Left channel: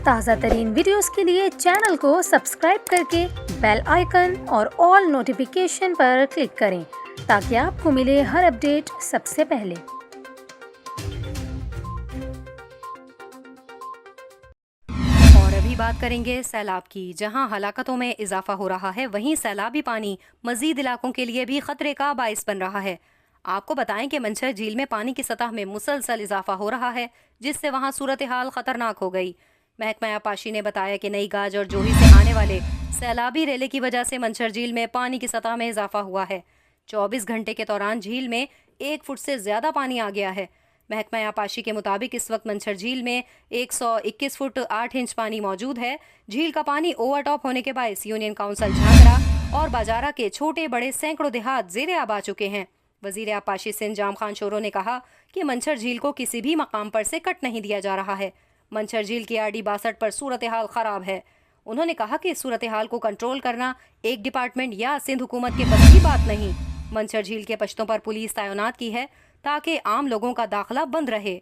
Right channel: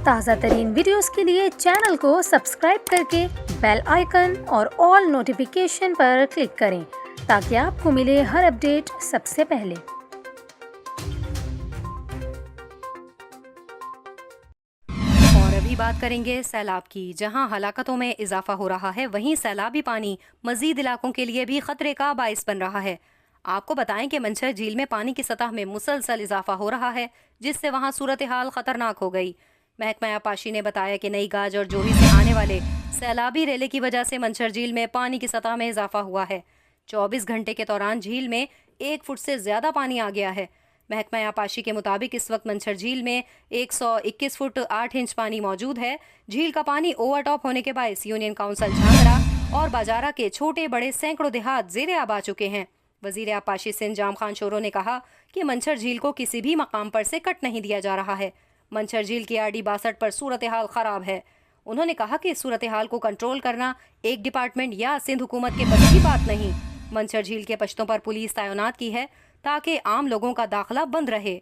ताज़ा तरीन वीडियोस के लिए चैनल को सब्सक्राइब करके बेल आइकन और ऑल नोटिफिकेशन पर क्लिक करें ताकि आपको मिले हर अपडेट सबसे पहले। और अभी बात करेंगे सैलाब की। जहां हलाकतों में इजाफा हो रहा है, वहीं सैलाबी पानी मजीद इलाकों के लिए भी खतरे का बाइस बन रहा है। आपको बताएं कि मंछर झील में पानी की सतह में मुसलसल इजाफा हो रहा है, जिससे वहां सूरत हाल खतरनाक हो गई। महकमा आबपाशी ने बताया कि नई गाज और जोही से आने वाले सैलाबी रेले की वजह से मंछर झील में पानी की सतह में इजाफा हुआ है। 24 घंटे के दौरान झील में 1 फुट से ज्यादा पानी आ गया है। महकमा आबपाशी के मुताबिक इस वक्त मंछर झील में 121 फुट 8 इंच पानी मौजूद है। झील का पानी ओवरटॉप होने के बायस यूनियन काउंसिल झांगरा और बाजारा के छोटे बड़े सैकड़ों देहात जेरे आब आ चुके हैं। वजीर आबपाशी सिंध जाम खान शोरो ने कहा कि मंछर झील को किसी भी मकाम पर से कट नहीं दिया जा रहा है। मंछर झील की RD 62 पर सूरत हाल खराब है। उन्होंने कहा कि इस सूरत हाल को कंट्रोल करना एक डिपार्टमेंट या सिंध हुकूमत के बस की बात नहीं। मंछर झील के पश्तों पर पुलिस तैनात की है ताकि आम लोगों का दाखिला बंद रहे।